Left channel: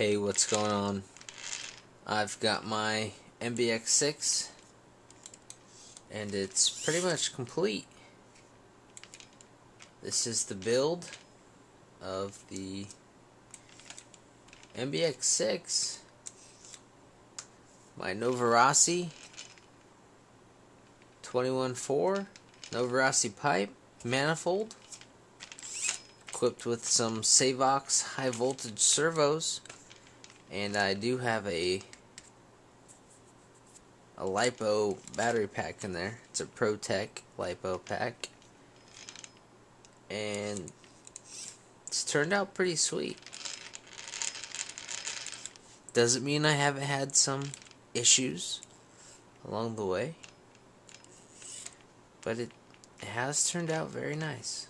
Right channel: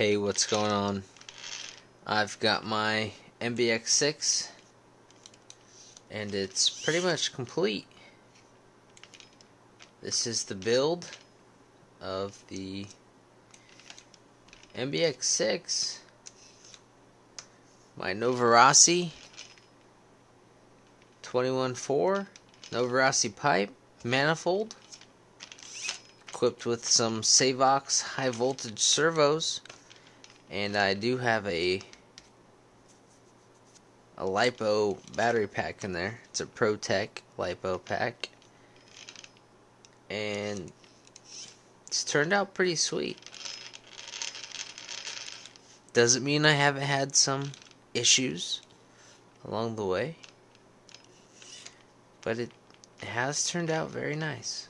Hey, what's going on? I've got my MBX6 and it's pretty much complete. This is the build of the MBX6, my Novarasi 21.4 Novarasi pipe manifold, equipped with some Savox high voltage servos, and I do have a LiPo battery pack in there. It's a ProTech LiPo pack, and it's turned out pretty sweet. Doesn't mean I haven't had some issues along the way, but it has turned out very nice.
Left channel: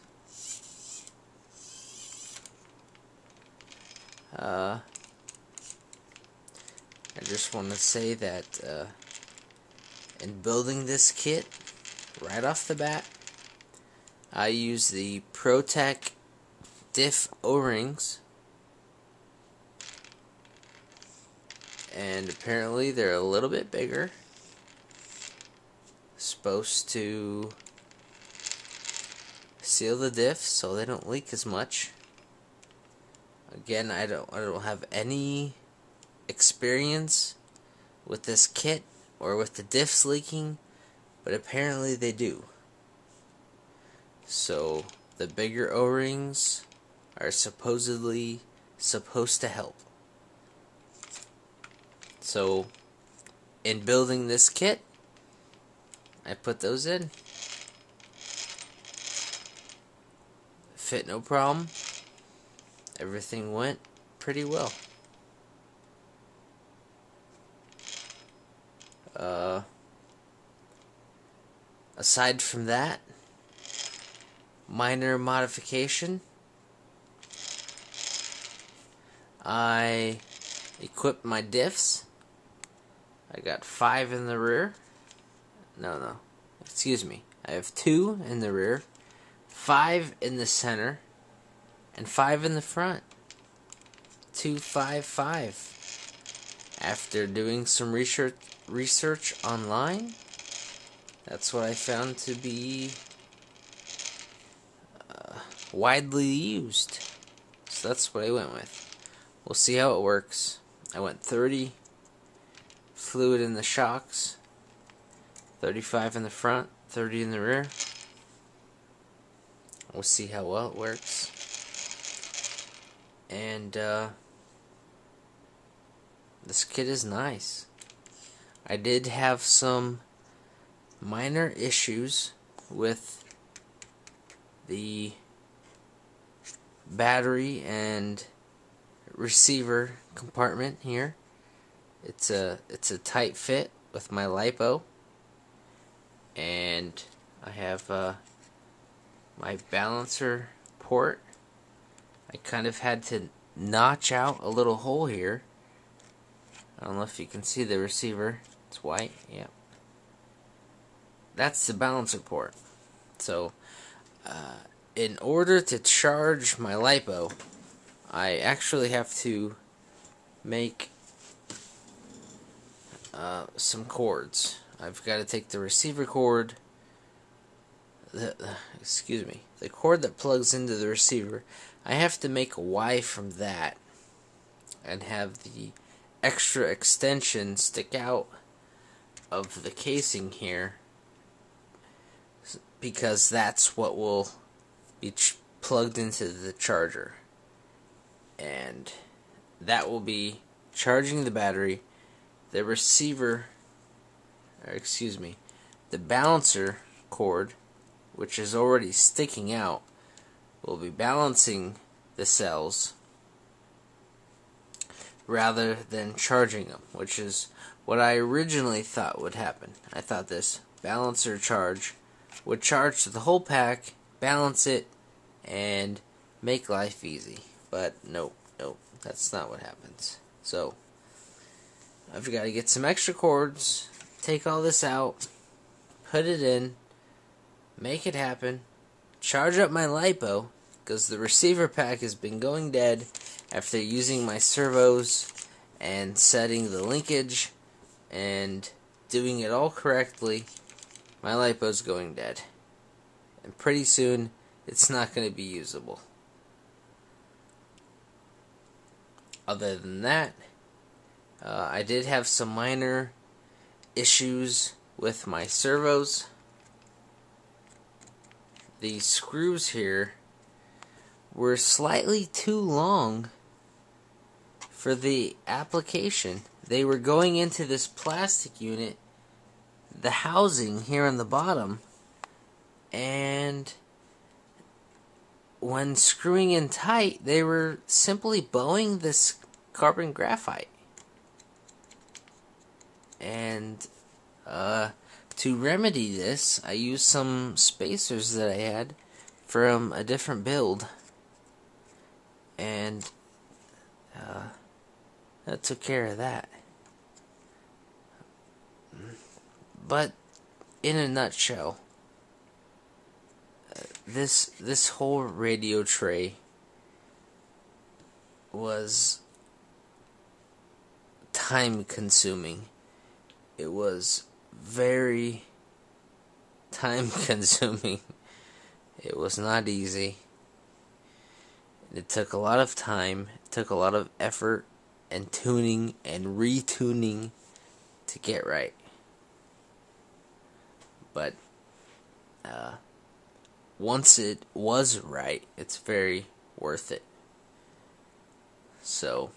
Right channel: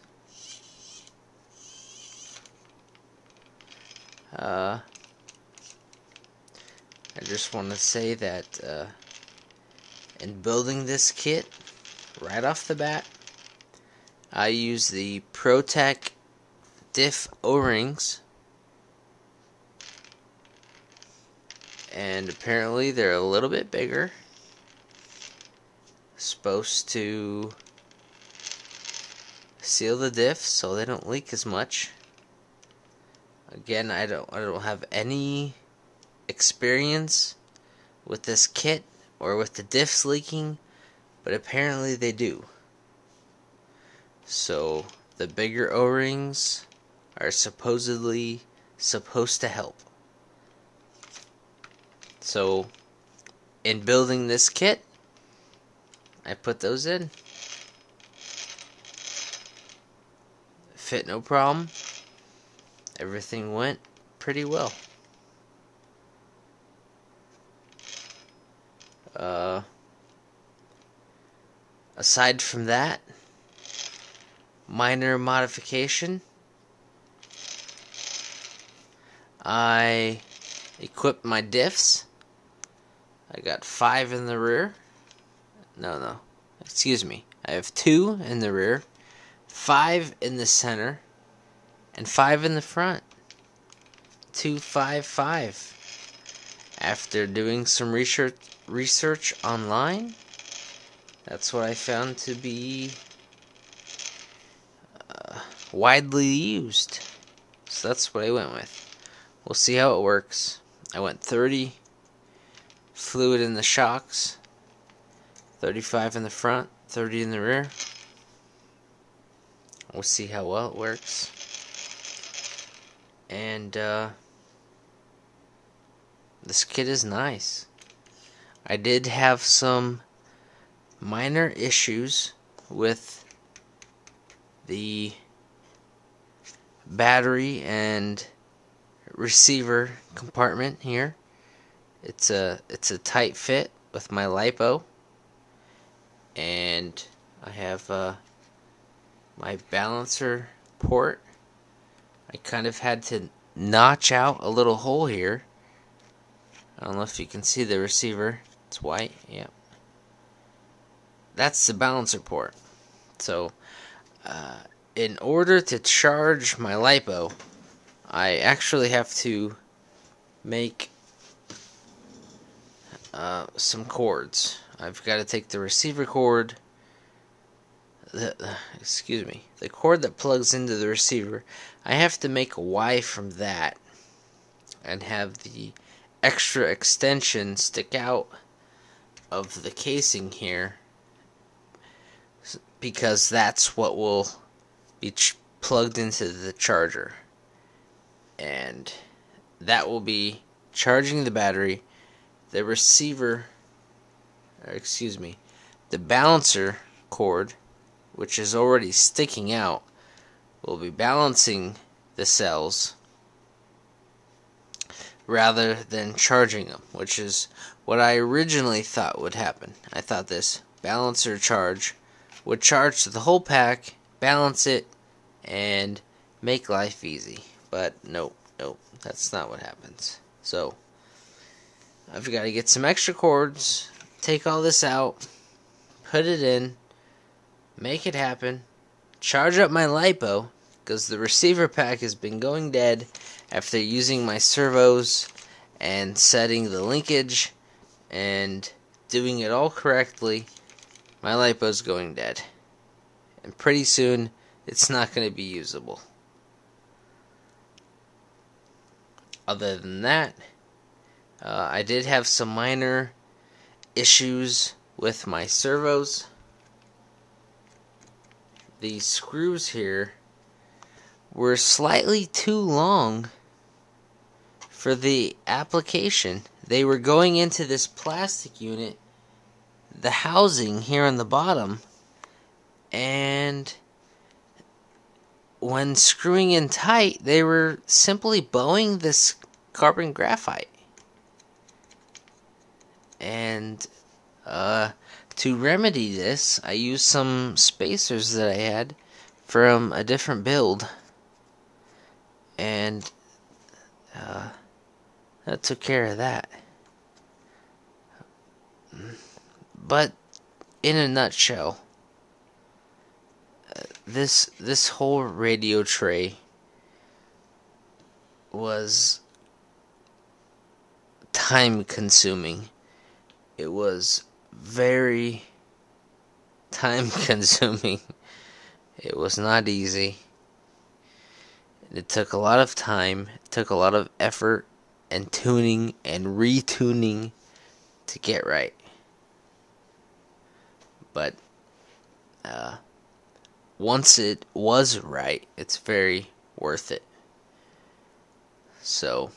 I just want to say that in building this kit, right off the bat, I use the ProTech diff O-rings, and apparently they're a little bit bigger, supposed to seal the diff so they don't leak as much. Again, I don't have any experience with this kit or with the diffs leaking, but apparently they do. So the bigger O-rings are supposedly supposed to help. So in building this kit, I put those in. Fit no problem. Everything went pretty well. Aside from that, minor modification, I equipped my diffs. I got 5 in the rear. Excuse me. I have 2 in the rear, 5 in the center, and 5 in the front. 2, 5, 5. After doing some research online, that's what I found to be widely used. So that's what I went with. We'll see how it works. I went 30 fluid in the shocks, 35 in the front, 30 in the rear. We'll see how well it works. And this kit is nice. I did have some minor issues with the battery and receiver compartment here. It's a tight fit with my LiPo, and I have my balancer port. I kind of had to notch out a little hole here. I don't know if you can see the receiver. It's white, yeah. That's the balancer port. So, in order to charge my LiPo, I actually have to make some cords. I've got to take the receiver cord, the cord that plugs into the receiver. I have to make a Y from that and have the extra extension stick out of the casing here, because that's what will be plugged into the charger, and that will be charging the battery. The receiver, the balancer cord, which is already sticking out, will be balancing the cells rather than charging them, which is what I originally thought would happen. I thought this balancer charge would charge the whole pack, balance it, and make life easy. But nope, that's not what happens. So I've got to get some extra cords, take all this out, put it in, make it happen, charge up my LiPo, because the receiver pack has been going dead, after using my servos and setting the linkage and doing it all correctly, my LiPo's going dead. And pretty soon, it's not going to be usable. Other than that, I did have some minor issues with my servos. The screws here were slightly too long for the application. They were going into this plastic unit, the housing here on the bottom, and when screwing in tight, they were simply bowing this carbon graphite. And to remedy this, I used some spacers that I had from a different build, and that took care of that. But in a nutshell, this whole radio tray was time consuming. It was very time consuming. It was not easy. It took a lot of time, it took a lot of effort and tuning and retuning to get right. But once it was right, it's very worth it. So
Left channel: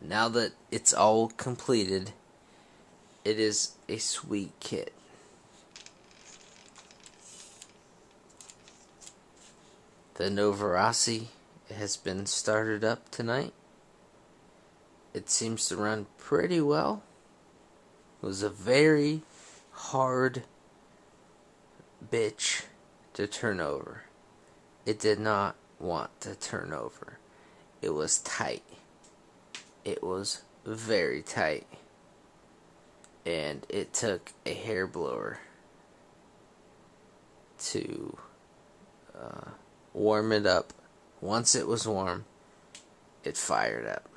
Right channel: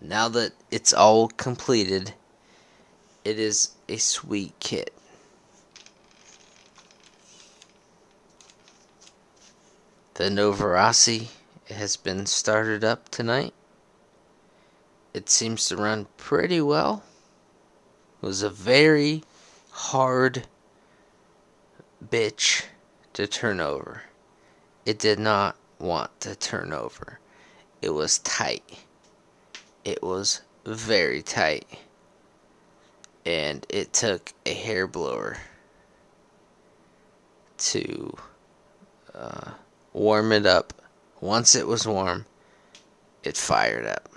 now that it's all completed, it is a sweet kit. The Novarasi has been started up tonight. It seems to run pretty well. It was a very hard bitch to turn over. It did not want to turn over. It was tight. It was very tight. And it took a hair blower to warm it up. Once it was warm, it fired up.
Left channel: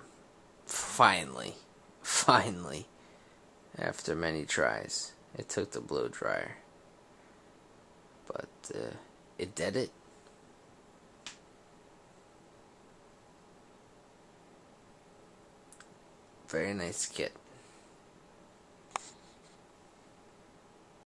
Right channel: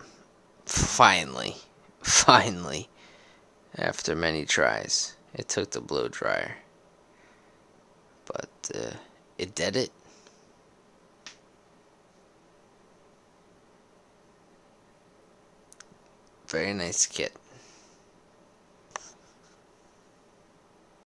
Finally, after many tries, it took the blow dryer. But it did it. Very nice kit.